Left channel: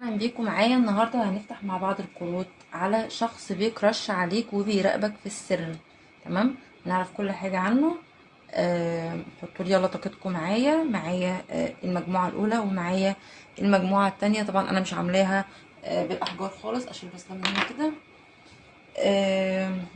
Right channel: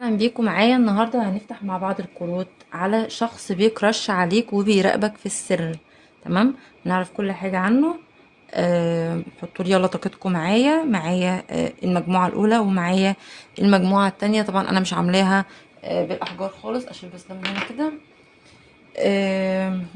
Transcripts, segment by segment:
اهلا بيكم معايا النهارده. هنفتح مع بعض الكروت على شخص بيكرش عليك وبيراقبك في السر. تمام، نعرف كل حاجه عنه. حطوا لي يلا طاقتكم معايا المجموعه الاولى ومعايا المجموعه التانية. طبعا انا مش عاملاها بالاحجار خالص، اشيل بس ده من هنا كده.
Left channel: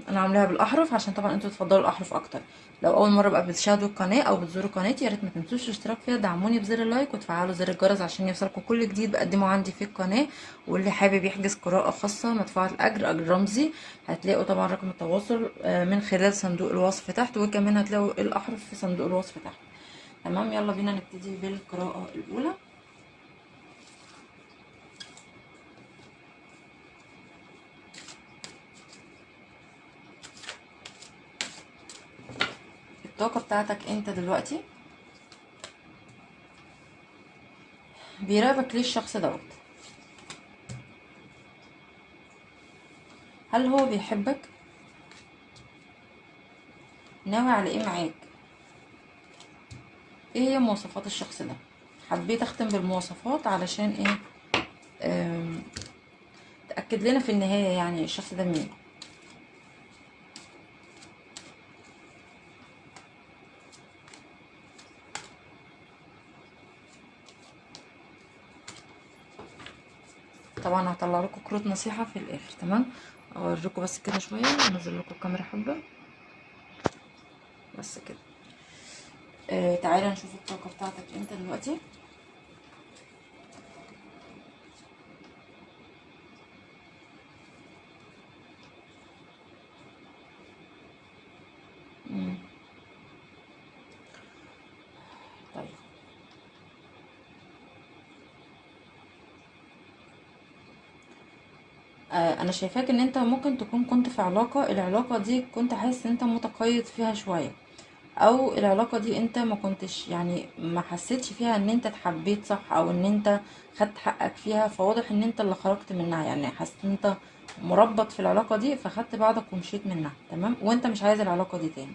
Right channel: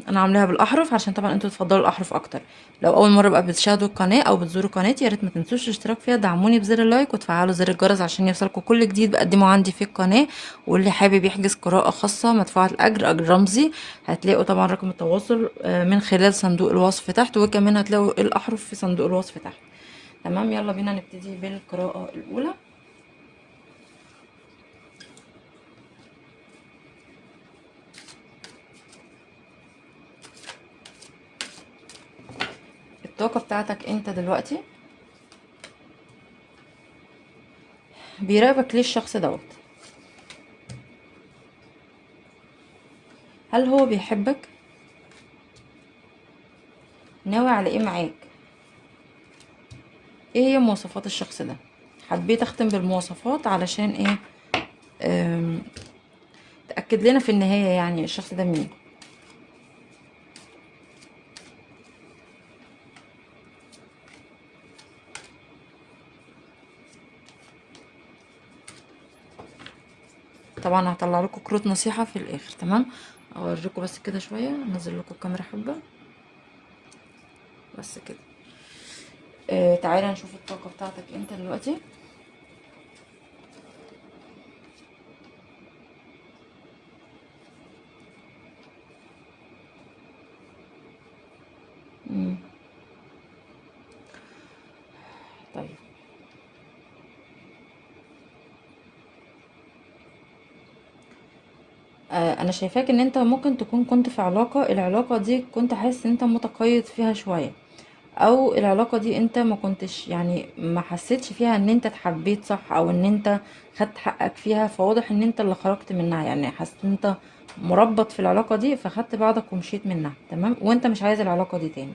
انا عاملاها بالاحرف عشان طبعا انتوا تفضلوا الاحرف اكتر. لو اول مره بقى بتشاهدوا القناه او بتزوروا قناتي، يا ريت ما تنسوش الاشتراك فيها، دعموني بزر اللايك وتفعلوا زر الجرس عشان يوصلكم كل جديد بقدمه عندي في القناه. واللي حابب يحجز قراءه خاصه مدفوعه الاجر، اجر رمزي، هتلاقوا طبعا رقم التواصل من خلال صندوق الوصف تحت، وكمان هتلاقوا الاحرف في صندوق الوصف تحت. تمام، يلا بينا نبتدي بالقراءه الاولى. الطاقه بتاعتك انت دلوقتي، بيراقبك ليه الشخص دوت؟ هل هو بيحبك؟ ناوي على ايه معاك؟ ايه هي مواصفات الشخص ده؟ حبيت اختم بالمواصفات علشان ايه؟ آم، تأكد لنا في النهاية يعني الشخص ده مين. طبعا هطلع لكم كروت نصيحة في الاخر. تمام، اوريكم بس كده شوية، انزل لكم الكاميرا حبة بس كده. تعالى نشوف الطاقة بتاعتك انت دلوقتي. مم. طيب، انا شايفاك ان انت ممكن تكون كنت في العلاقة دي كنت حاسس ان انت متقيد فيها شوية، او العلاقة دي انت ما كنتش يعني ما حسيتش فيها ان انت اتحبيت صح، او ان انت خدت حقك فيها. فواضح ان انت اللي خرجت منها، يعني حسيت ان انت مربط في العلاقة دي فخدت بعضك ومشيت منها. تمام، وانت مش عايز العلاقة دي تاني.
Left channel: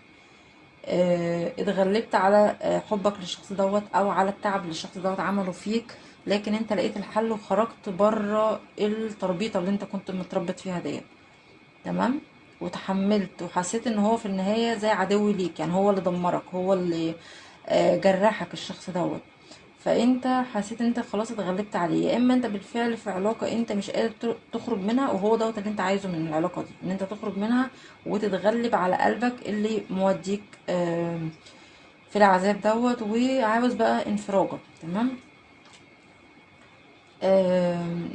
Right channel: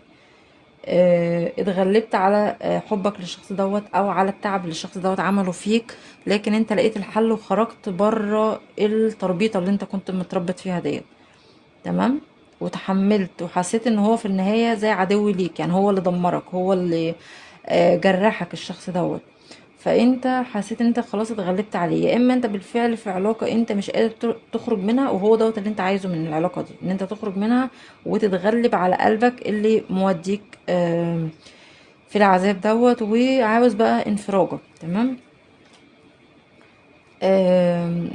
اتغلبت على حبك للشخص دوت، او على التعب اللي الشخص دوت عمله فيك، لكن انت لقيت الحل وخرجت بره التربيطة اللي انت كنت متربط فيها ديت. تمام، وتحملت وحسيت ان هو في النهاية زي عدو ليك، يعني هو اللي دمرك، هو اللي جرحك الشخص دوت. فانت حسيت ان انت خلاص اتغلبت عليه، يا اما انت بالفعل في علاقة انت مش قادر تخرج منها، وهو دوت اللي انت عايزه من العلاقة دي، ان انت تخرج منها وتتغلب على قلبك اللي موديك في العذاب دوت، وعاوز بقى انفراجة. تمام. آم،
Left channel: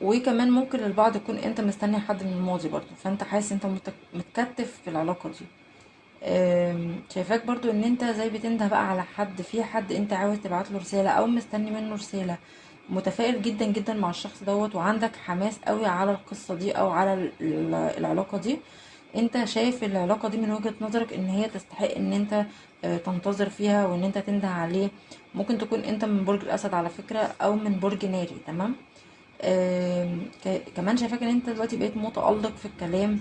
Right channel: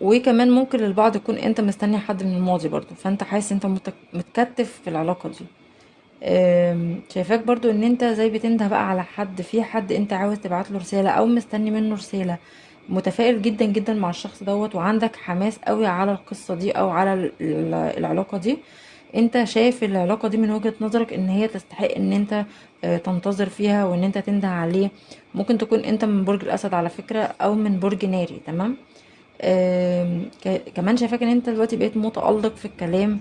وكمان ممكن للبعض يكون انت مستني حد من الماضي برضو، فانت حاسس انت متكتف في العلاقة دي. شايفاك برضو ان انت زي بتنده بقى على حد، في حد انت عاوز تبعت له رسالة او مستني منه رسالة. متفائل جدا جدا مع الشخص دوت، وعندك حماس قوي على القصة دي او على العلاقة دي. انت شايف العلاقة دي من وجهة نظرك ان هي تستحق ان انت تنتظر فيها وان انت تنده عليه. ممكن تكون انت من برج الاسد على فكرة، او من برج ناري. تمام. كمان شايفاك ان انت دلوقتي بقيت متألق في الكلام.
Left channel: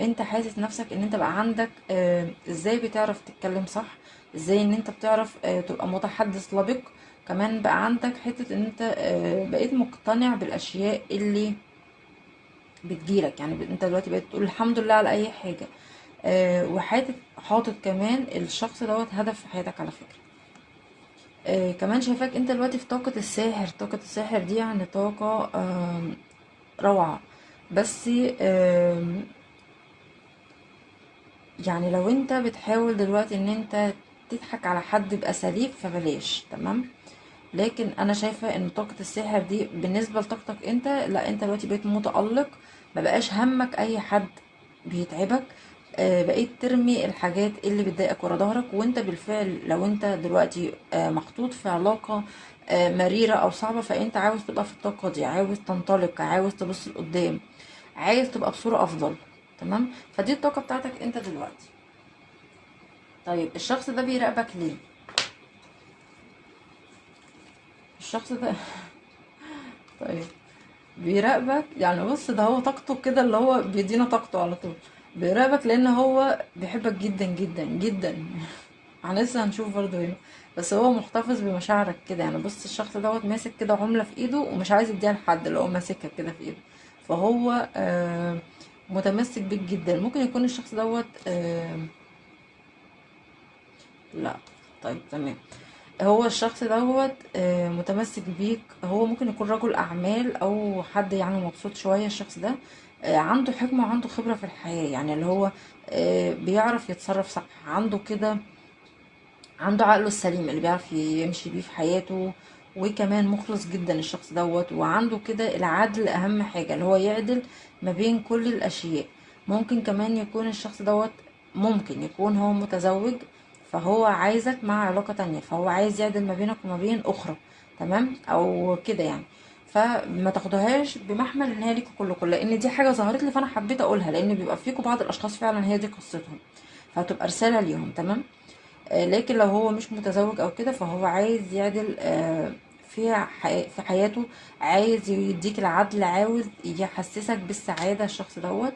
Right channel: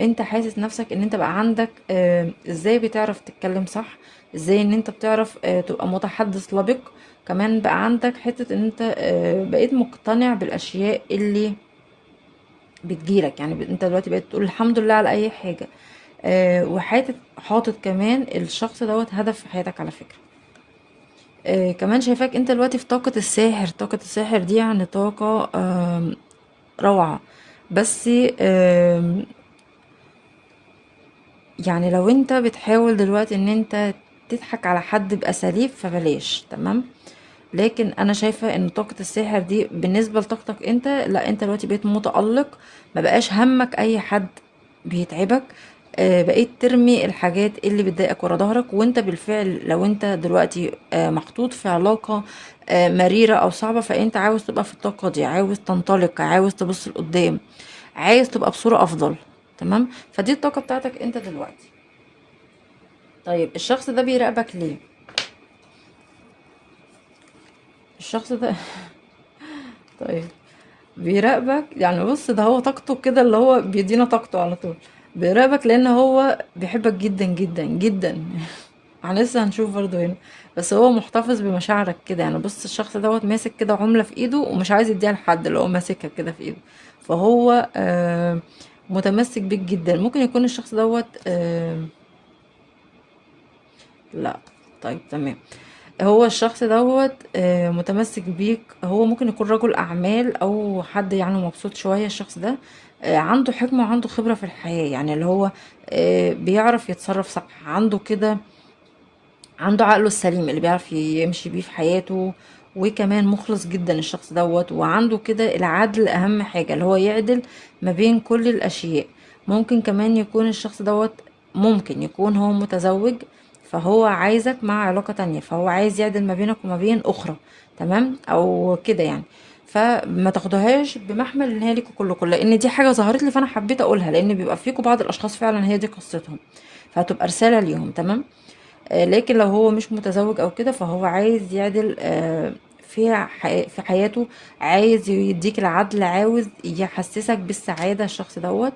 انت حاسس نفسك ان انت بقى عندك ازاي بتعرف تتكلم صح، ازاي ان انت بتعرف تبقى متحدث لبق. كمان بقى عندك حتة ان انت بقيت مقتنع بالاشياء اللي بتجيلك، يعني انت دلوقتي بقيت تقول الحمد لله على اي حاجة. حاطط كمان الشخص دوت هدف في حياتك على فكرة. كمان شايفاك انت دلوقتي في طاقة الساحر. طاقة الساحر دي يعني طاقة روعة. بس يعني لو انت بتحاول دلوقتي ان انت تضحك على حد بأساليب فبلاش. تمام، لكن انا شايفة ان طاقة الساحر دي بالنسبة لطاقتك انت، لا انت دلوقتي بقيت متألق، ما بقاش همك اي حد بيتعبك. بقيت ترمي الحاجات اللي بتضايقك ورا ظهرك. وانت بالفعل لو انت دلوقتي محطوط في علاقة مريرة او صعبة، فانت عاوز تبقى في الطاقة دي، عاوز تنطلق، عاوز تبص لقدام، عايز تبقى بصورة افضل. تمام، فدي الطاقة بتاعتك انت دلوقتي. طيب الشخص ده بيراقبك ليه؟ الشخص ده طيب، بيراقبك يعني بص، ده هو طاقته كده اللي هو بيدينا طاقته على طول. بيراقبك لان هو بيحبك جدا جدا جدا احنا لسه هنشوف برضو هنا. بس هو محتفظ بمشاعرك كده، يعني بص الشخص دوت ماسك كده عملة في ايده ومش عايز يديها لحد، اللي هو ماسكها كده في ايده. فهو متمسك بيك جدا. ممكن يكون الشخص دوت لا، طيب تمام. هو الشخص دوت متمسك بيك. هو ممكن يكون رجل اعمال او حد يعني مبسوط شوية. الشخص ده عنده حكمة وعنده خبرة في الحياة، يعني اللي هو بيعرف يتصرف صح، عنده كده، عنده عقله السليم اللي بيعرف يمشي بيه في حياته. وكمان مخلص جدا الشخص دوت، وعنده كده العدل اهم حاجة، اللي هو يعدل ما بين كل الاشياء. ممكن كمان يكون الشخص دوت، ممكن يكون هو متزوج، فهو عايزك مع علاقة تانية، فهو عايز يعدل ما بينك وما بين اخرى، تمام او كده يعني. فما تاخدوهاش بمحمل ان هي ليكوا كلكم، لان دي حاجة ظهرت لي فانا حبيت اقولها، لان بيبقى فيكوا بعض الاشخاص فعلا هي دي قصتهم، فهتبقى رسالة ليهم، تمام. لكن لو هو مش متزوج او كده، فهو عايز يعدل في حياته، عايز يديك العدل، عاوز يحسسك بالسعادة الشخص دوت.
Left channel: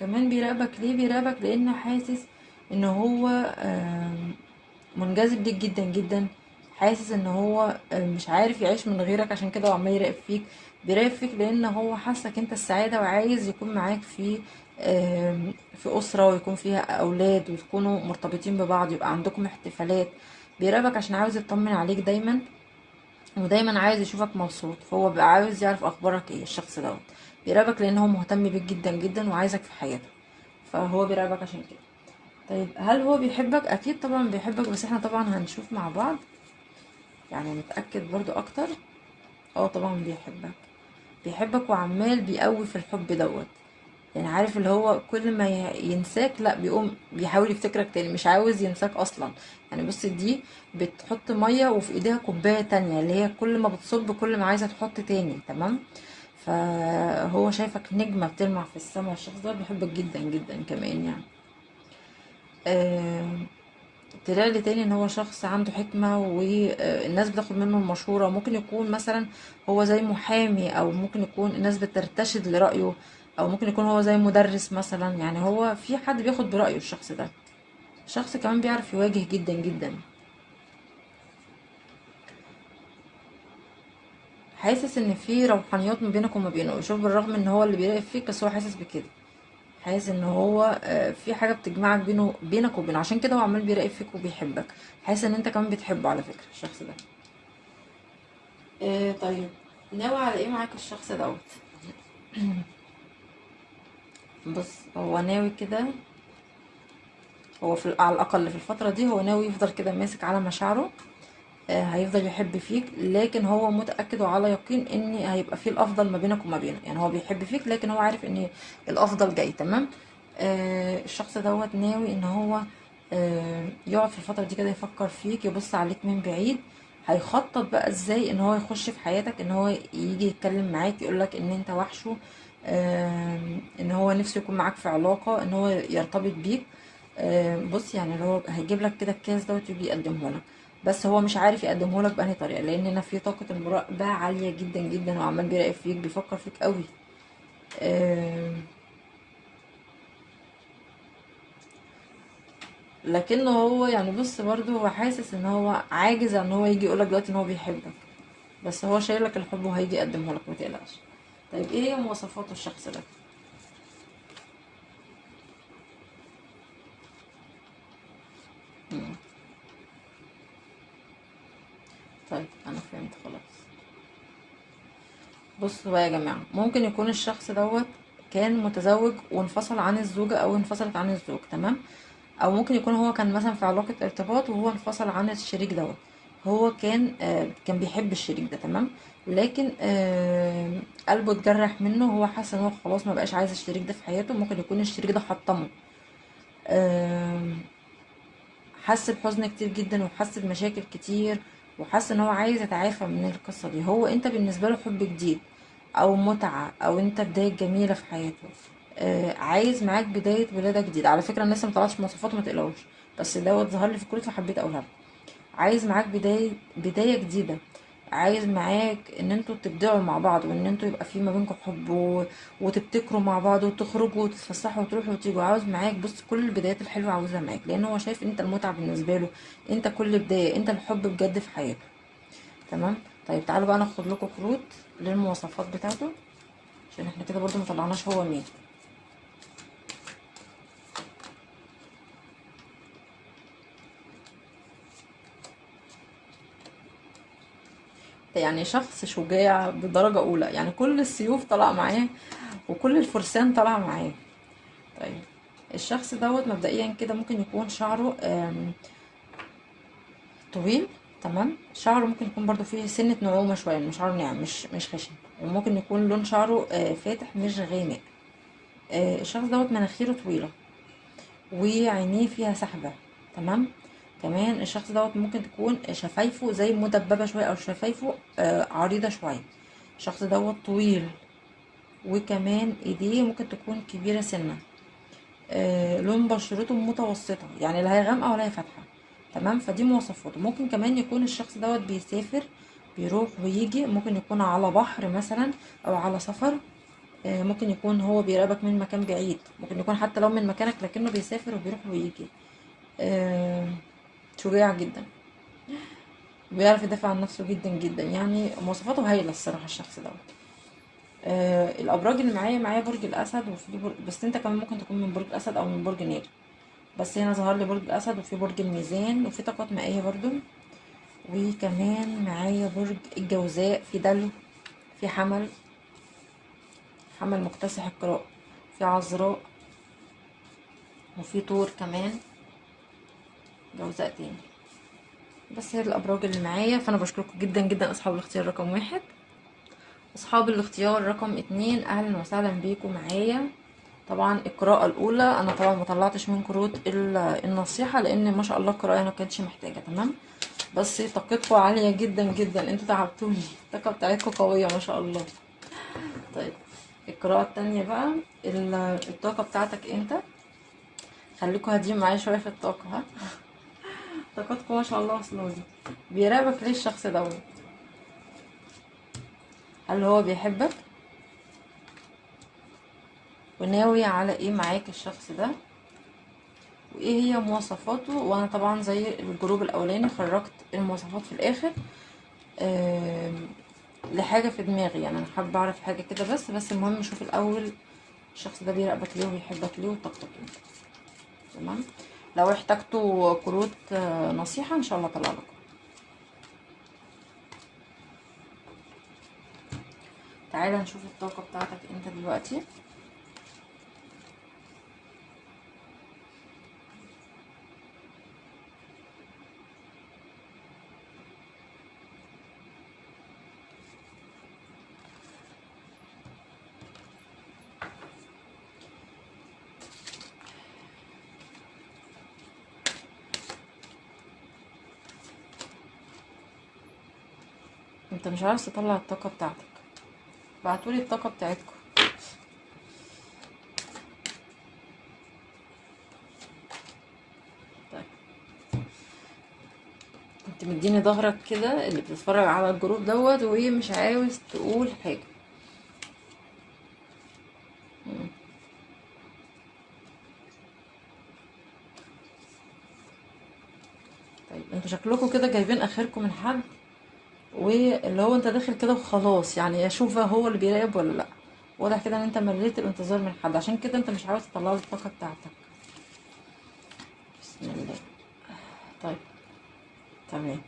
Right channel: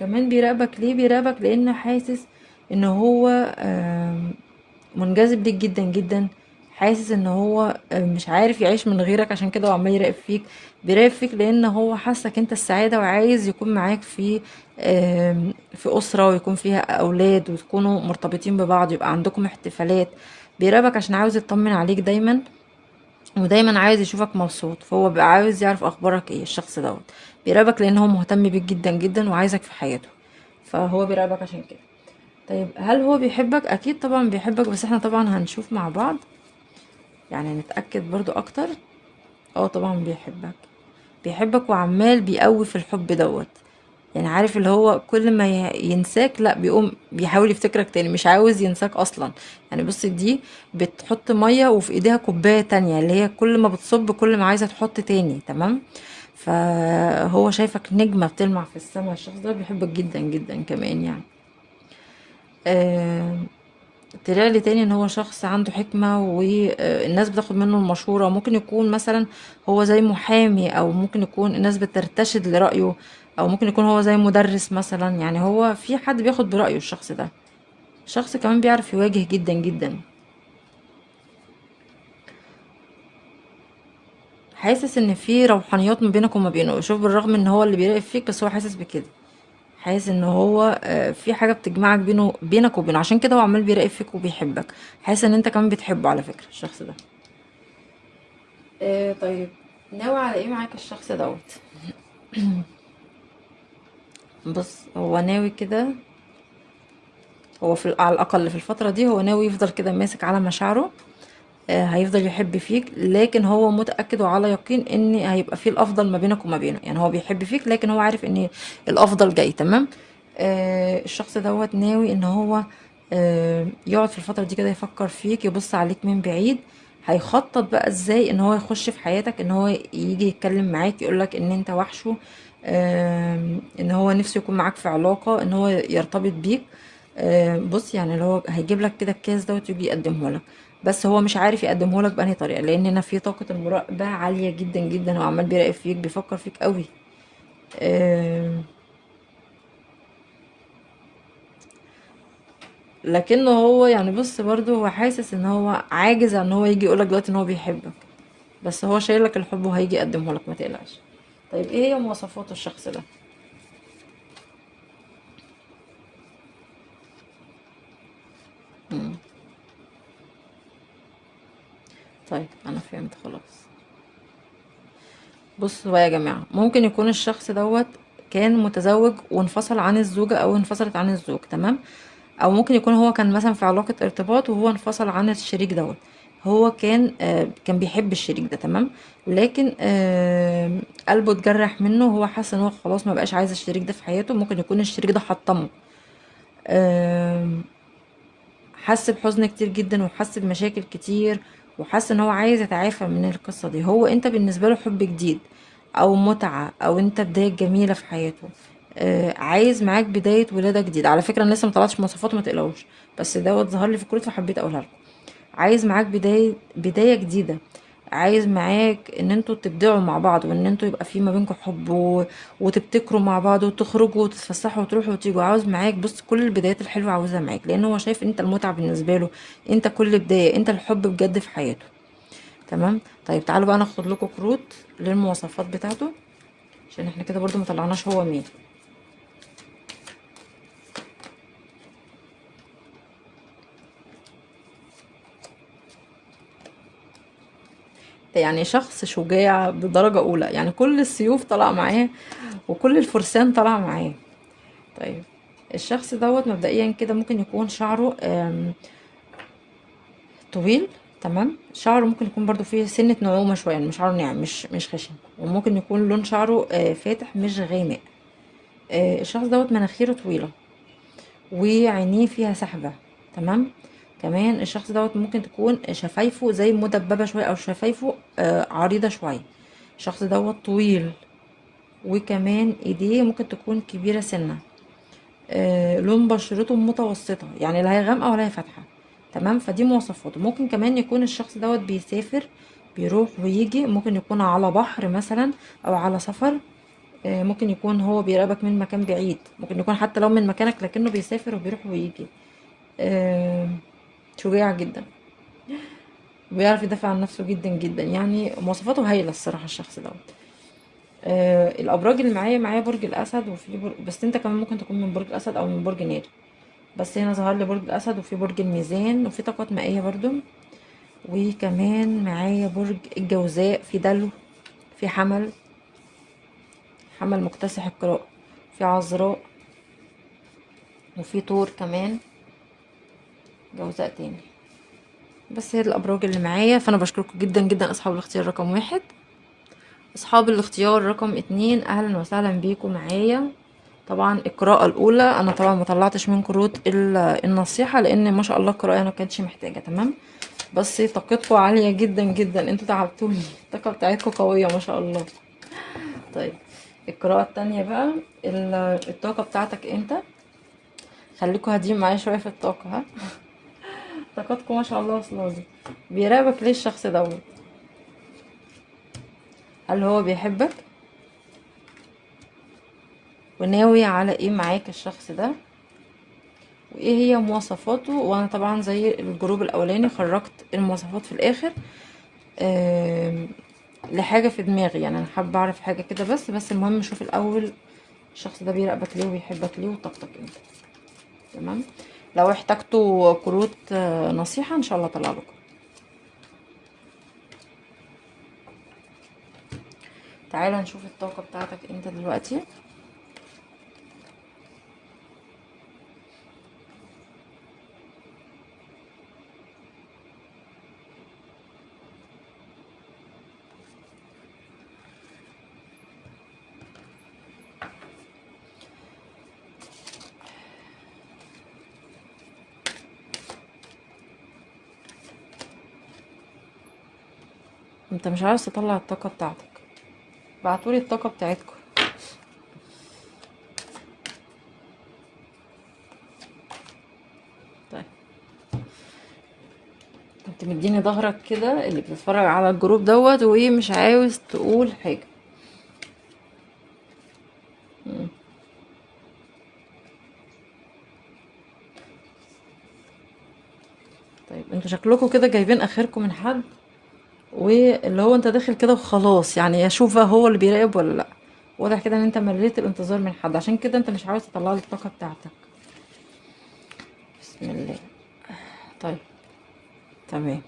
كمان بيراقبك. ليه بيراقبك؟ لان حاسس ان هو منجذب ليك جدا جدا. حاسس ان هو مش عارف يعيش من غيرك، عشان كده هو عمال يراقب فيك. بيراقب فيك لان هو حاسك انت السعادة، وعايز يكون معاك في أسرة، ويكون فيها أولاد، وتكونوا مرتبطين ببعض، يبقى عندكم احتفالات. بيراقبك عشان عاوز يطمن عليك دايما، ودايما عايز يشوفك مبسوط. فهو بقى عاوز يعرف اخبارك ايه الشخص دوت. بيراقبك لان هو مهتم بيك جدا جدا وعايزك في حياته، فهو بيراقبك عشان كده. طيب هل هو بيحبك؟ اكيد طبعا بيحبك، بس احنا طبعا هنشوف مع بعض، يعني نتأكد برضو اكتر. اه طبعا بيحبك. بيحبك وعمال بيقوي في الحب دوت. يعني عارف اللي هو كل ما ينساك، لا بيقوم بيحاول يفتكرك تاني، مش عاوز ينساك اصلا. يعني بص دي بتحط مية وفي ايديها كوباية تانية، اللي هي كل ما بتصب كل ما عايزة تحط تاني، تمام. فهو شايفك نجمة بتلمع في السماء. الشخص ده بيحبك جدا جدا كمان يعني. آه طلع لي تاني ان هو شخص عنده حكمة، والناس بتاخد منه المشورة. ممكن يكون مثلا هو زي محامي، او ممكن يكون الناس بترتشد لرأيه، او ممكن يكون هو زي مدرس مثلا. يعني هو في حد بياخد برأيه الشخص ده. شخص كمان بيعرف يواجه جدا جدا. حاسس ان في روحانيات ما بينك وما بينه. شوف، بالرغم ان هو اللي بيراقب فيك، بس هو حاسس بكده. حاسس ان هو في حاجة بتجمعك بينك وبينه، عشان كده هو عمال بيراقب فيك وبيحبك. حاسس ان انت كمان بتحبه على فكرة الشخص ده. طيب، ناوي على ايه معاك الشخص دوت؟ بص هو ناوي كده. هو على الاقل في الفتره دي هو ناوي يفضل كده ماسك على مشاعره. هيفضل يحب فيك، لكن هو متاكد وعلى يقين ان هيبقى فيه الافضل ما بينك وما بينه. يعني هو بيحب فيك، لكن هو عارف ان الافضل جاي، تمام. الشخص دوت ناوي ان هو يقعد في الفتره دي كده يفكر فيك، يبص عليك من بعيد. هيخطط بقى ازاي ان هو يخش في حياتك، ان هو يجي يتكلم معاك يقولك ان انت وحشه. ان هو نفسه يكون معاك في علاقة، ان هو يرتبط بيك. بص يعني اللي هو هيجيب لك كده الكاس دوت ويجي يقدمه لك. بس هو مش عارف يقدمه لك بأنهي طريقة، لان هنا في طاقة المراقبة عالية جدا جدا، وعمال بيراقب فيك، بيفكر فيك قوي. آم، لكنه هو يعني بص برضه هو حاسس ان هو عاجز عن ان هو يجي يقولك دلوقتي ان هو بيحبك. بس هو شايلك الحب وهيجي يقدمه لك، ما تقلقش. طيب ايه هي مواصفات الشخص ده؟ مم. طيب انا فهمت خلاص. بصوا بقى يا جماعة، ممكن يكون الشخص دوت كان متزوج وانفصل عن الزوجة، او انفصلت عن الزوج، تمام. او ممكن يكون هو كان مثلا في علاقة ارتباط وهو انفصل عن الشريك دوت. هو كان بيحب الشريك ده، تمام. لكن قلبه اتجرح منه، وهو حاسس ان هو خلاص ما بقاش عايز الشريك ده في حياته. ممكن يكون الشريك ده حطمه. آم، حس بحزن كتير جدا، وحس بمشاكل كتير، وحس ان هو عايز يتعافى من القصة دي. هو انت بالنسبة له حب جديد، او متعة، او انت بداية جميلة في حياته. عايز معاك بداية ولادة جديدة. على فكرة انا لسه مطلعتش مواصفاته، ما تقلقوش، بس دوت ظهر لي في الكروت فحبيت اقولها لكم. عايز معاك بداية جديدة. عايز معاك ان انتوا تبدعوا مع بعض، وان انتوا يبقى في ما بينكم حب وتبتكروا مع بعض وتخرجوا وتتفسحوا وتروحوا وتيجوا. عاوز معاك بص كل البدايات الحلوه عاوزها معاك، لان هو شايف ان انت المتعه بالنسبه له، انت كل بدايه، انت الحب بجد في حياته. تمام. طيب تعالوا بقى ناخد لكم كروت للمواصفات بتاعته، عشان احنا كده برضو مطلعناش هو مين. ده يعني شخص شجاع بدرجة أولى، يعني كل السيوف طالعة معاه وكل الفرسان طالعة معاه. طيب الشخص دوت مبدئيا كده ممكن يكون شعره طويل. تمام. شعره ممكن يكون برضو فيه سنة نعومة شوية، مش شعره ناعم، مش خشن. وممكن يكون لون شعره فاتح مش غامق. الشخص دوت مناخيره طويلة وعينيه فيها سحبة. تمام. كمان الشخص دوت ممكن تكون شفايفه زي مدببة شوية، او شفايفه عريضة شوية. الشخص دوت طويل، وكمان ايديه ممكن تكون كبيرة سنة. لون بشرته متوسطة، يعني لا هي غامقة ولا هي فاتحة. تمام. فدي مواصفاته. ممكن كمان يكون الشخص دوت بيسافر، بيروح ويجي، ممكن يكون على بحر مثلا او على سفر. ممكن يكون هو بيراقبك من مكان بعيد، ممكن يكون حتى لو من مكانك لكنه بيسافر وبيروح ويجي. آه، شجاع جدا، بيعرف يدافع عن نفسه جدا جدا، يعني مواصفاته هايلة الصراحة الشخص دوت. الابراج اللي معايا برج الاسد، وفي برج، بس انت كمان ممكن تكون من برج الاسد او من برج ناري. بس هنا ظهر لي برج الاسد، وفي برج الميزان، وفي طاقات مائية برضو. وكمان معايا برج الجوزاء، في دلو، في حمل، حمل مكتسح القراء، في عذراء، وفي طور كمان، جوزاء تاني. بس هي الابراج اللي معايا. فانا بشكركم جدا جدا اصحاب الاختيار رقم 1. اصحاب الاختيار رقم 2، اهلا وسهلا بيكم معايا. طبعا القراءة الاولى انا طبعا ما طلعتش من كروت النصيحة، لان ما شاء الله القراءة ما كانتش محتاجة. تمام. بس طاقتكم عالية جدا جدا، انتوا تعبتوني. الطاقة بتاعتكم قوية ما شاء الله. طيب القراءة التانية بقى، الطاقة بتاعتك انت. خليكوا هادين معايا شوية في الطاقة، ها. طاقتكم ما شاء الله واصلة لي. بيراقبك ليه الشخص دوت؟ هل هو بيحبك؟ وناوي على ايه معاك الشخص ده؟ وايه هي مواصفاته؟ وانا طبعا زي الجروب الاولاني خرجت المواصفات في الاخر. آم، لحاجة في دماغي، يعني انا حابة اعرف حاجة كده. بس المهم شوف الاول الشخص ده بيراقبك ليه وبيحبك ليه وطاقتك انت. تمام. لو احتجتوا كروت نصيحة ان شاء الله اطلع لكم. تعالى نشوف الطاقة بتاعتك انت دلوقتي. انت مش عاوز تطلع الطاقة بتاعتك، بعتولي الطاقة بتاعتكم. طيب انت مديني ظهرك كده اللي بتتفرج على الجروب دوت، وايه مش عاوز تقول حاجة. مم. طيب انتوا شكلكم كده جايبين اخركم من حد، واللي هو انت داخل كده وخلاص، يعني اشوف بقى هو اللي بيراقب ولا لا. واضح كده ان انت مليت الانتظار من حد، عشان كده انت مش عاوز تطلع لي الطاقة بتاعتك. بسم الله. طيب تمام.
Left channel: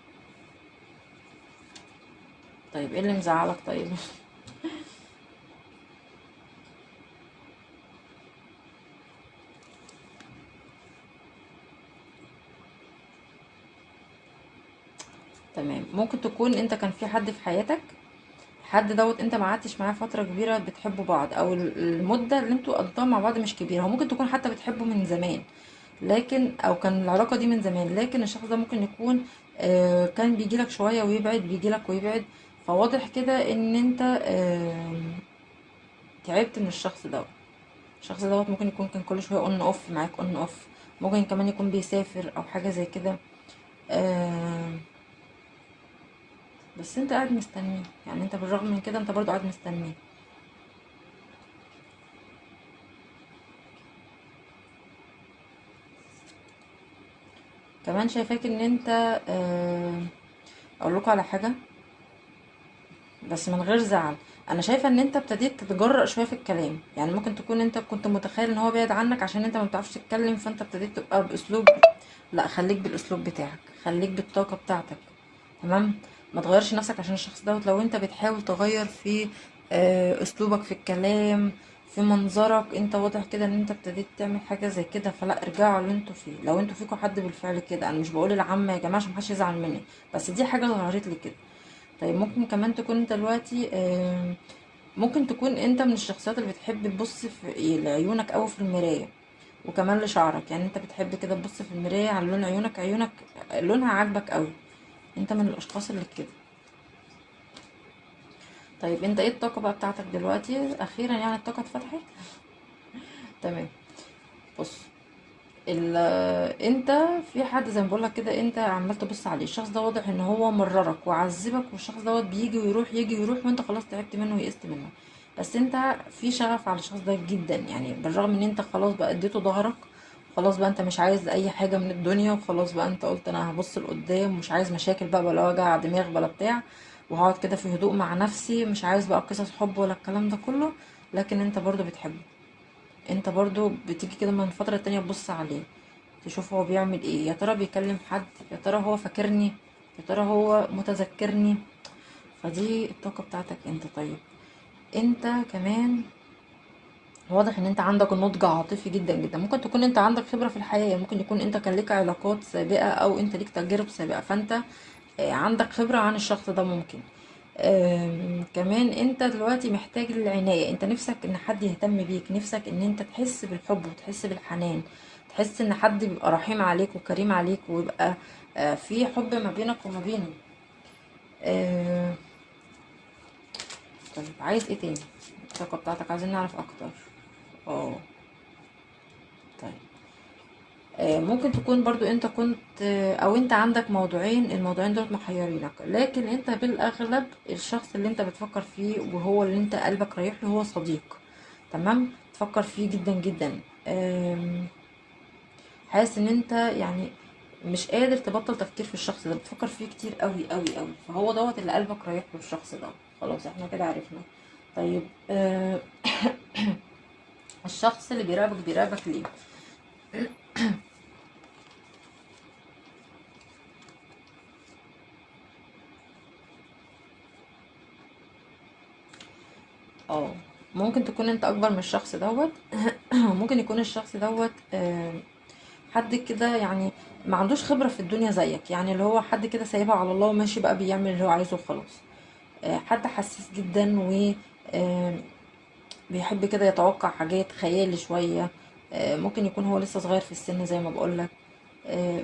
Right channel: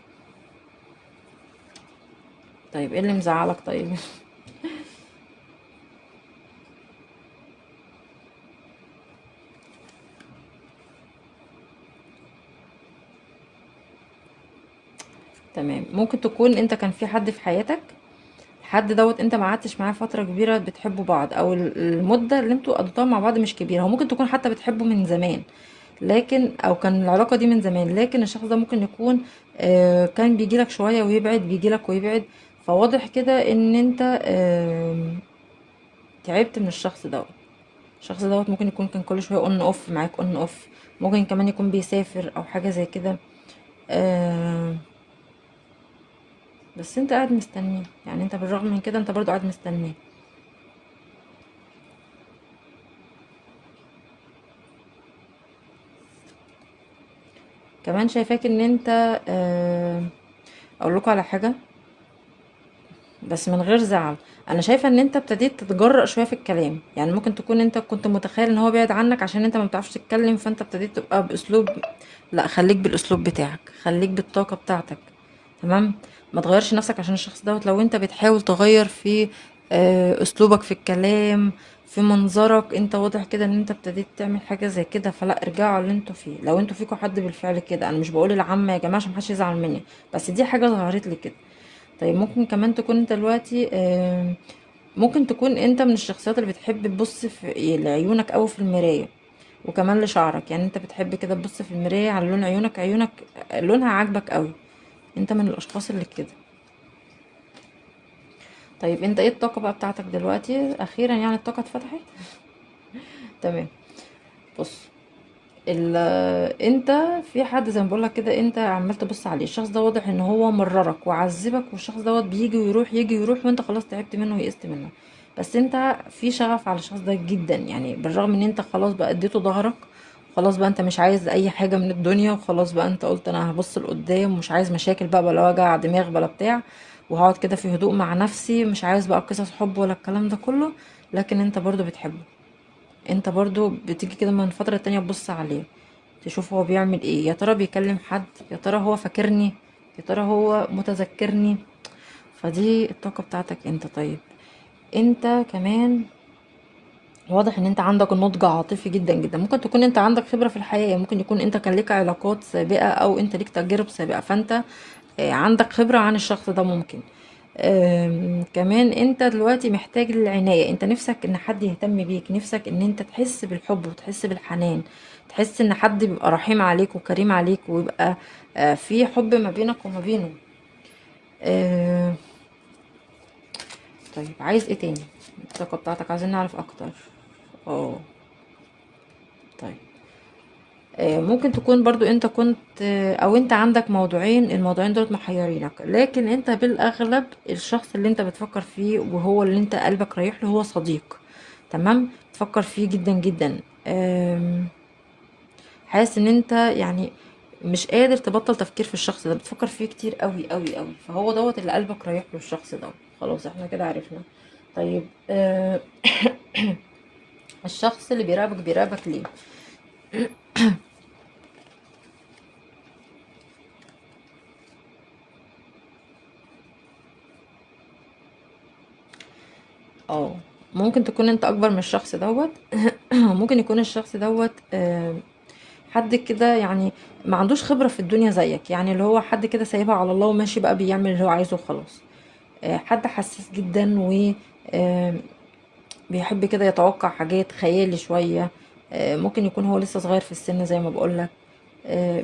طيب ايه اللي مزعلك طيب؟ تمام. ممكن تكون انت كان في حد في حياتك، الحد دوت انت ما قعدتش معاه فتره كبيره بتحبوا بعض، او المده اللي انتوا قضيتوها مع بعض مش كبيره. هو ممكن تكون حتى بتحبه من زمان، لكن او كان العلاقه دي من زمان، لكن الشخص ده ممكن يكون كان بيجيلك شويه ويبعد، بيجيلك ويبعد. فواضح كده ان انت تعبت من الشخص دوت. الشخص دوت ممكن يكون كان كل شويه اون اوف معاك، اون اوف. ممكن كمان يكون بيسافر او حاجه زي كده. آه، بس انت قاعد مستنيه، يعني انت بالرغم من كده انت برضو قاعد مستنيه. كمان شايفاك ان انت اقول لكم على حاجه، بس من غير زعل. انا شايفه ان انت ابتديت تتجرأ شويه في الكلام، يعني ممكن تكون انت كنت متخيل ان هو بعيد عنك عشان انت ما بتعرفش تتكلم، فانت ابتديت تبقى باسلوب. لا، خليك بالاسلوب بتاعك، خليك بالطاقه بتاعتك. تمام. ما تغيرش نفسك عشان الشخص دوت. لو انت بتحاول تغير في اسلوبك في الكلام، في منظرك، انت واضح كده ان انت ابتديت تعمل حاجه زي كده، فلا ارجعوا اللي انتوا فيه. لو انتوا فيكم حد بالفعل كده، انا مش بقول العامه يا جماعه عشان محدش يزعل مني، بس دي حاجه ظهرت لي كده. طيب ممكن كمان تكون انت دلوقتي ممكن تكون انت من الشخصيات اللي بتحب تبص في لعيونك او في المراية، وكمان لشعرك. يعني انت بتحب كده تبص في المراية على لون عيونك، عيونك لونها عاجبك قوي. انت من الاشخاص اللي كده. طيب انت ايه الطاقة بقى بتاعتك دلوقتي اخيرا؟ يعني الطاقة اتفتحت. تمام. بص، انت في حد زي ما بقولك كده، انت عمال تبص عليه، الشخص ده واضح ان هو مررك وعذبك، والشخص دوت بيجي ويروح يجي ويروح، وانت خلاص تعبت منه ويئست منه. بس انت في شغف على الشخص ده جدا، يعني بالرغم ان انت خلاص بقى اديته ظهرك، خلاص بقى انت مش عايز اي حاجة من الدنيا، وخلاص بقى انت قلت انا هبص لقدام، مش عايز مشاكل بقى ولا وجع دماغ ولا بتاع، وهقعد كده في هدوء مع نفسي، مش عايز بقى قصص حب ولا الكلام ده كله. لكن انت برضو بتحبه، انت برضو بتيجي كده من فترة تانية تبص عليه، تشوف هو بيعمل ايه، يا ترى بيكلم حد، يا ترى هو فاكرني، يا ترى هو متذكرني. فدي الطاقة بتاعتك انت. طيب انت كمان واضح ان انت عندك نضج عاطفي جدا جدا. ممكن تكون انت عندك خبرة في الحياة، ممكن يكون انت كان ليك علاقات سابقة او انت ليك تجارب سابقة، فانت عندك خبرة عن الشخص ده ممكن. كمان انت دلوقتي محتاج العناية، انت نفسك ان حد يهتم بيك، نفسك ان انت تحس بالحب وتحس بالحنان، تحس ان حد بيبقى رحيم عليك وكريم عليك، ويبقى في حب ما بينك وما بينه. آه، طيب عايز ايه تاني؟ الطاقة بتاعتك عايزين نعرف اكتر. اه. طيب ممكن تكون برضو انت كنت او انت عندك موضوعين، الموضوعين دول محيرينك، لكن انت بالاغلب الشخص اللي انت بتفكر فيه وهو اللي انت قلبك رايح له هو صديق. تمام. تفكر فيه جدا جدا. حاسس ان انت يعني مش قادر تبطل تفكير في الشخص ده، بتفكر فيه كتير قوي قوي قوي، فهو دوت اللي قلبك رايح له الشخص ده. خلاص احنا كده عرفنا. طيب الشخص اللي بيراقبك ليه؟ اه. ممكن تكون انت اكبر من الشخص دوت. ممكن يكون الشخص دوت حد كده يعني ما عندوش خبرة في الدنيا زيك، يعني اللي هو حد كده سايبها على الله وماشي بقى بيعمل اللي هو عايزه وخلاص. حد حساس جدا، و آه، بيحب كده يتوقع حاجات خيالي شوية. ممكن يكون هو لسه صغير في السن زي ما بقولك.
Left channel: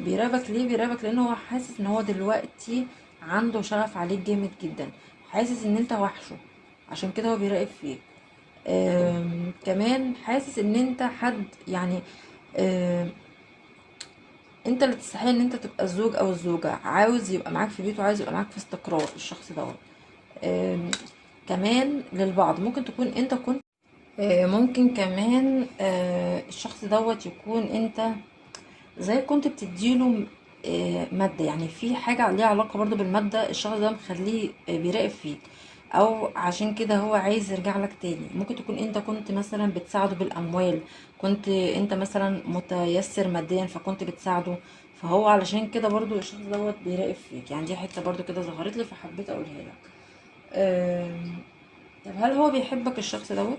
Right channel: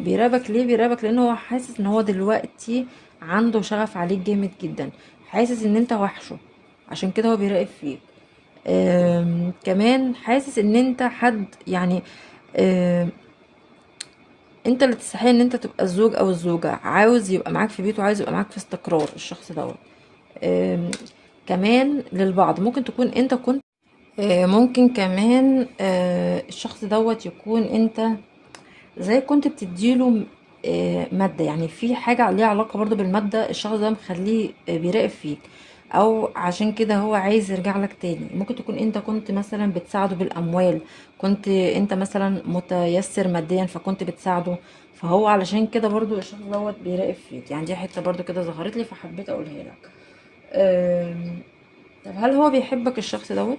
بيراقبك ليه؟ بيراقبك لان هو حاسس ان هو دلوقتي عنده شغف عليك جامد جدا، حاسس ان انت وحشه، عشان كده هو بيراقب فيك. كمان حاسس ان انت حد يعني آم، انت اللي تستحق ان انت تبقى الزوج او الزوجة، عاوز يبقى معاك في بيته، عايز يبقى معاك في استقرار الشخص دوت. آم، كمان للبعض ممكن تكون انت كنت ممكن كمان الشخص دوت يكون انت زي كنت بتديله مادة، يعني في حاجة ليها علاقة برضو بالمادة، الشخص ده مخليه بيراقب فيك، او عشان كده هو عايز يرجع لك تاني. ممكن تكون انت كنت مثلا بتساعده بالاموال، كنت انت مثلا متيسر ماديا فكنت بتساعده، فهو علشان كده برضو الشخص دوت بيراقب فيك. يعني دي حتة برضو كده ظهرت لي فحبيت اقولها لك. آم، طب هل هو بيحبك الشخص دوت؟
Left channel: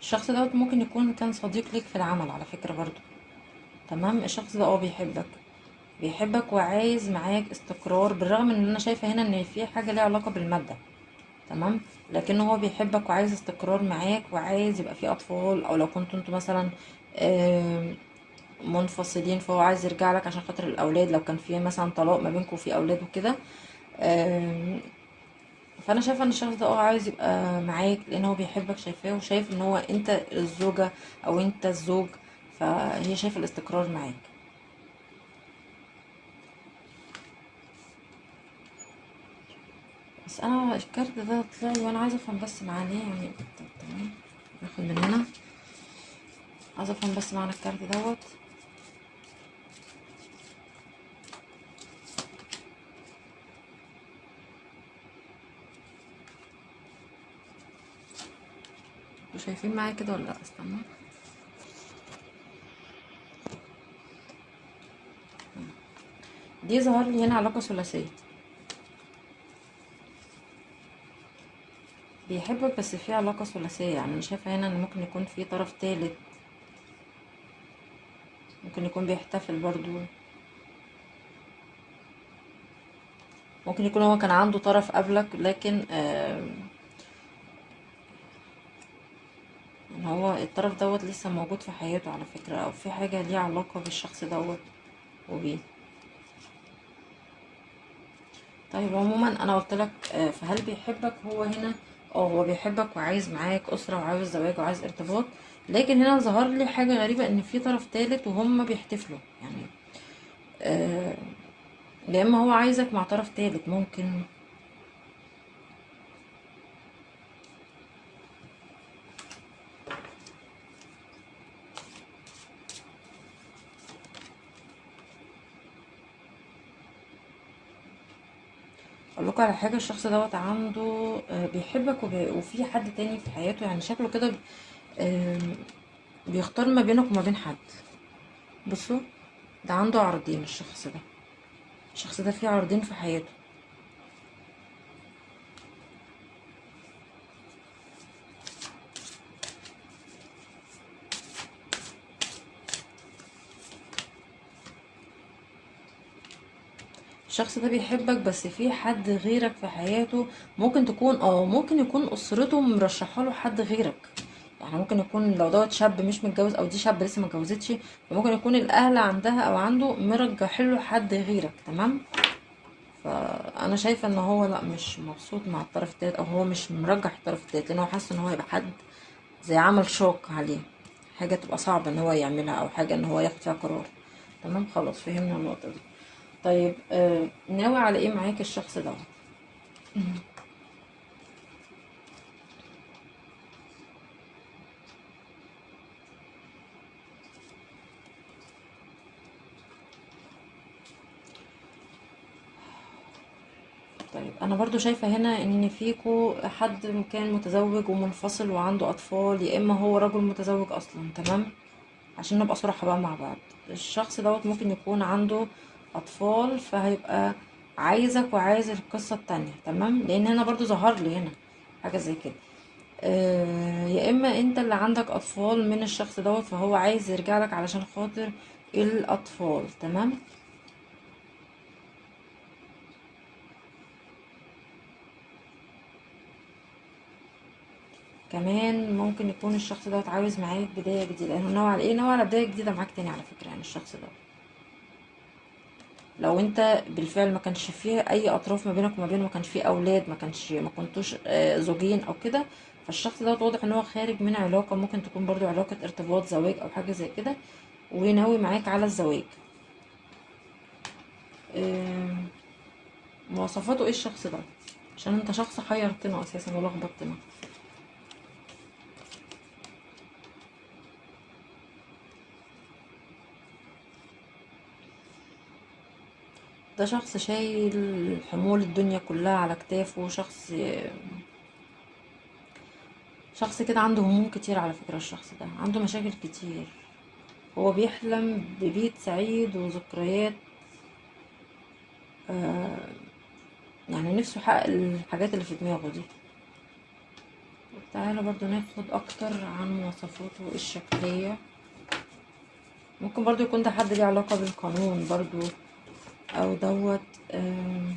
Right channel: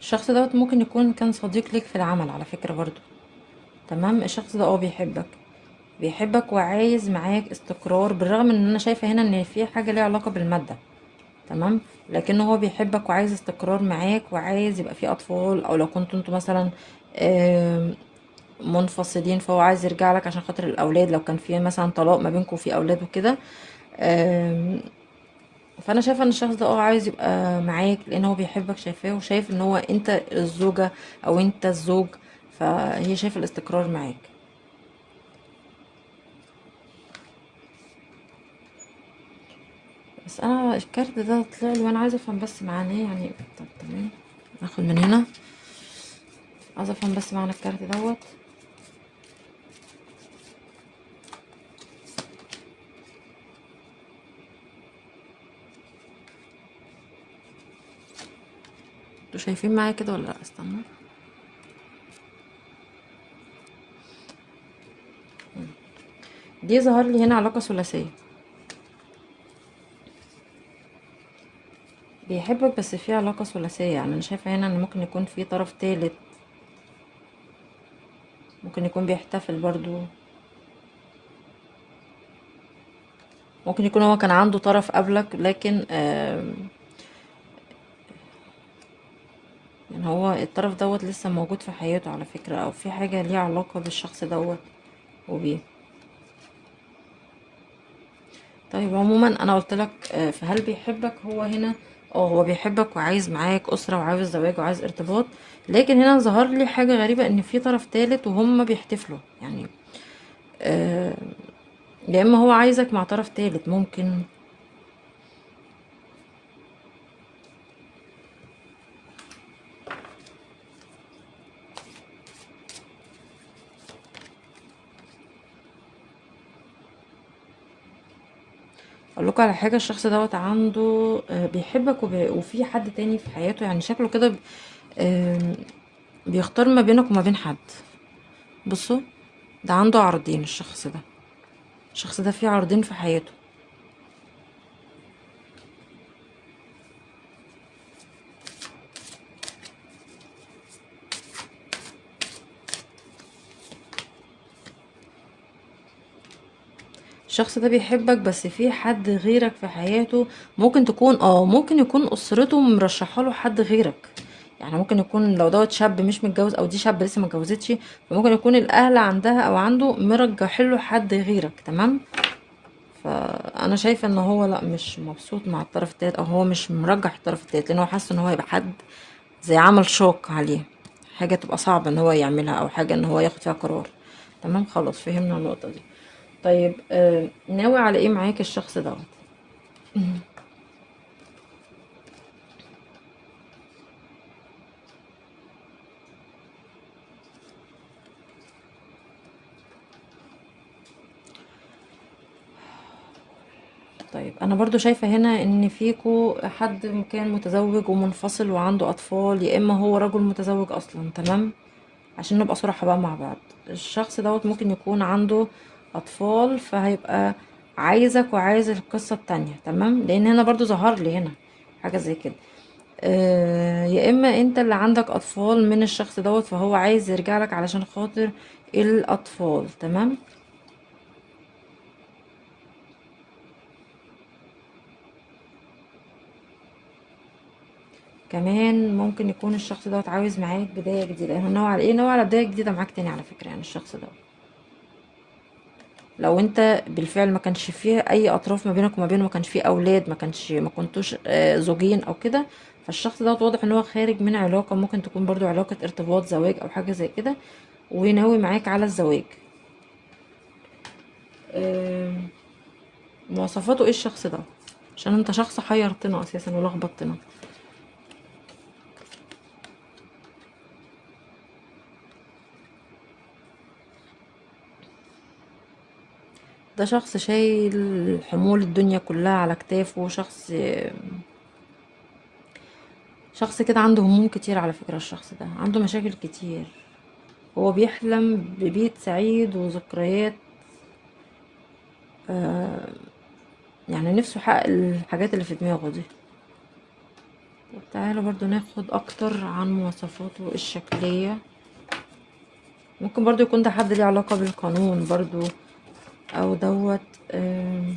الشخص دوت ممكن يكون كان صديق ليك في العمل على فكرة برضو. تمام. الشخص ده بيحبك، بيحبك وعايز معاك استقرار، بالرغم ان انا شايفة هنا ان في حاجة ليها علاقة بالمادة. تمام. لكن هو بيحبك وعايز استقرار معاك، وعايز يبقى في اطفال، او لو كنتوا انتوا مثلا آم، منفصلين، فهو عايز يرجع لك عشان خاطر الاولاد، لو كان في مثلا طلاق ما بينكم في اولاد وكده. آم، فانا شايفه ان الشخص ده عايز يبقى معاك لان هو بيحبك، شايفاه وشايف ان هو انت الزوجه او انت الزوج، فهي شايفه الاستقرار معاك. بس انا الكارت ده طلع لي وانا عايزه افهم بس معناه يعني. طب تمام، ناخد من هنا. عايزه افهم بس معنى الكارت دوت. انتوا شايفين معايا كده ولا لا؟ استنى. دي ظهر لي هنا علاقه ثلاثيه، بيحبك بس في علاقه ثلاثيه. يعني انا شايفه هنا ان ممكن يكون في طرف ثالث، ممكن يكون بيحتفل برضو، ممكن يكون هو كان عنده طرف قبلك لكن يعني هو الطرف دوت لسه موجود في حياته على فكرة، او في حاجة ليها علاقة بالشخص دوت وبيه. طيب عموما انا قلت لك فهل بيحبك هو هنا؟ اه هو بيحبك وعايز معاك اسرة وعاوز زواج وعايز ارتباط، لكن هنا ظهر لي حاجة غريبة ان في طرف تالت وهم بيحتفلوا يعني. آه، يا اما هو عايزك مع طرف تالت ممكن. اقول لكم على حاجه، الشخص دوت عنده بيحبك وفي حد تاني في حياته، يعني شكله كده آم، بيختار ما بينك وما بين حد. بصوا، ده عنده عرضين الشخص ده، الشخص ده فيه عرضين في حياته. الشخص ده بيحبك بس في حد غيرك في حياته. ممكن تكون ممكن يكون اسرته مرشحه له حد غيرك. يعني ممكن يكون لو دوت شاب مش متجوز او دي شاب لسه ما اتجوزتش، فممكن يكون الاهل عندها او عنده مرجح له حد غيرك. تمام. فانا شايفه ان هو لا، مش مبسوط مع الطرف التالت، او هو مش مرجح الطرف التالت لان هو حاسس ان هو هيبقى حد زي عمل شوك عليه، حاجه تبقى صعبه ان هو يعملها او حاجه ان هو ياخد فيها قرار. تمام خلاص فهمنا النقطه دي. طيب ناوي على ايه معاك الشخص ده؟ طيب انا برضو شايفة هنا ان فيكو حد كان متزوج ومنفصل وعنده اطفال، يا اما هو رجل متزوج اصلا. تمام، عشان نبقى صراحة بقى مع بعض. الشخص دوت ممكن يكون عنده اطفال، فهيبقى عايزك وعايز القصة التانية. تمام، لان هنا برضو ظهر لي هنا حاجة زي كده. يا اما انت اللي عندك اطفال من الشخص دوت، فهو عايز يرجع لك علشان خاطر الاطفال. تمام. كمان ممكن يكون الشخص دوت عاوز معاك بداية جديدة. يعني نوع على ايه؟ نوع على بداية جديدة معاك تاني على فكرة. يعني الشخص ده لو انت بالفعل ما كانش فيه اي اطراف ما بينك وما بينه، ما كانش فيه اولاد، ما كنتوش زوجين او كده، فالشخص دوت واضح ان هو خارج من علاقة، ممكن تكون برضو علاقة ارتباط زواج او حاجة زي كده، وناوي معاك على الزواج. آه، مواصفاته ايه الشخص ده؟ عشان انت شخص حيرتنا اساسا ولخبطتنا. ده شخص شايل حمول الدنيا كلها على كتافه، شخص كده عنده هموم كتير على فكرة. الشخص ده عنده مشاكل كتير، هو بيحلم ببيت سعيد وذكريات. يعني نفسه يحقق الحاجات اللي في دماغه دي. تعالى برضو ناخد اكتر عن مواصفاته الشكلية. ممكن برضو يكون ده حد ليه علاقة بالقانون برضو، او دوت آم،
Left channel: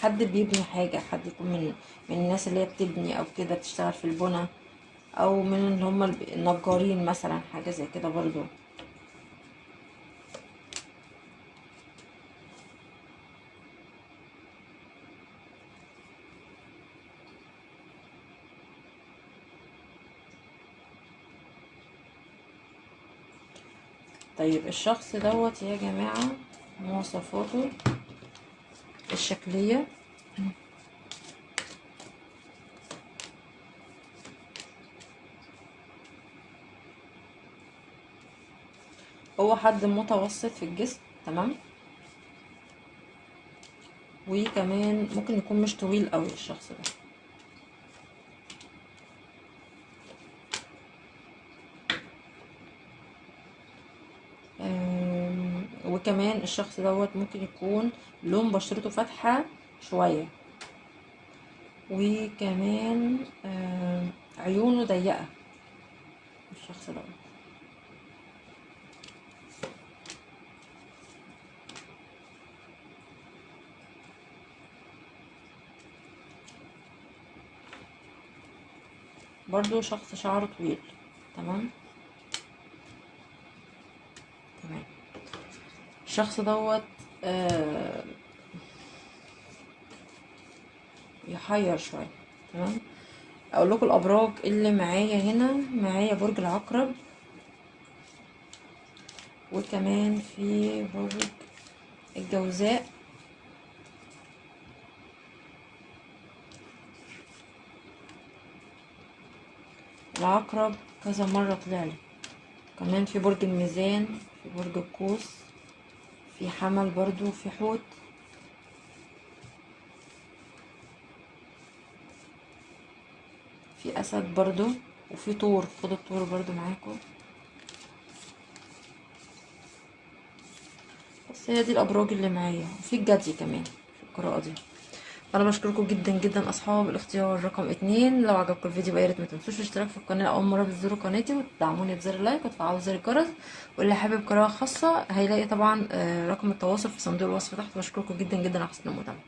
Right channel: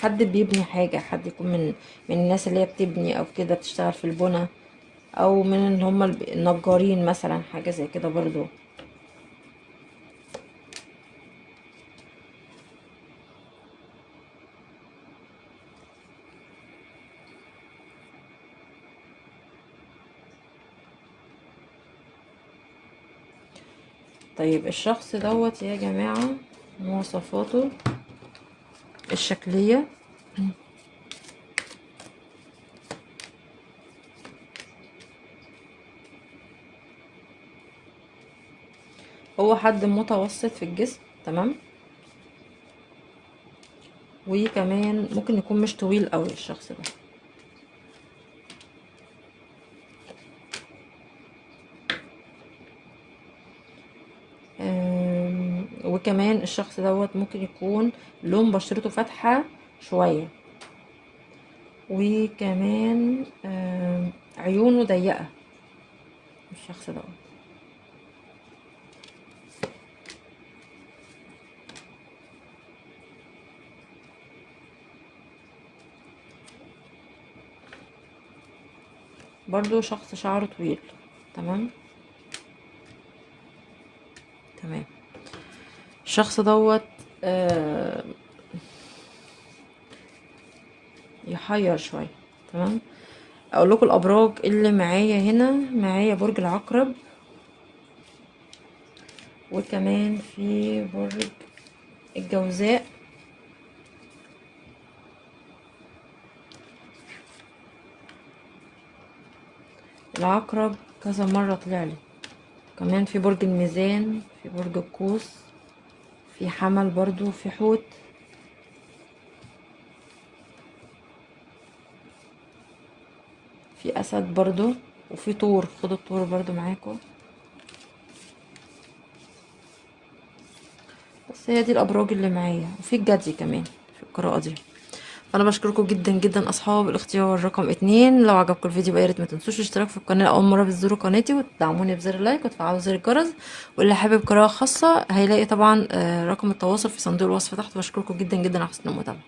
حد بيبني حاجة، حد يكون من الناس اللي هي بتبني او كده بتشتغل في البنا، او من اللي هم النجارين مثلا، حاجة زي كده برضو. طيب الشخص دوت يا جماعة، مواصفاته الشكلية. هو حد متوسط في الجسم، تمام. وكمان ممكن يكون مش طويل قوي الشخص ده. وكمان الشخص دوت ممكن يكون لون بشرته فاتحة شوية، وكمان عيونه ضيقة الشخص دوت. برضو شخص شعره طويل، تمام. تمام. الشخص دوت يحير شوية، تمام. اقول لكم الابراج اللي معايا هنا. معايا برج العقرب، وكمان في برج الجوزاء، العقرب كذا مرة طلع لي. كمان في برج الميزان، في برج القوس، في حمل برضو، في حوت، في اسد برضو، وفي طور. خدوا الطور برضو معاكم. بس هي دي الابراج اللي معايا، وفي الجدي كمان في القراءة دي. انا بشكركم جدا جدا اصحاب الاختيار رقم 2. لو عجبكم الفيديو يا ريت ما تنسوش الاشتراك في القناه اول مره بتزوروا قناتي، وتدعموني بزر اللايك وتفعلوا زر الجرس. واللي حابب قراءه خاصه هيلاقي طبعا رقم التواصل في صندوق الوصف تحت. بشكركم جدا جدا على حسن المتابعه.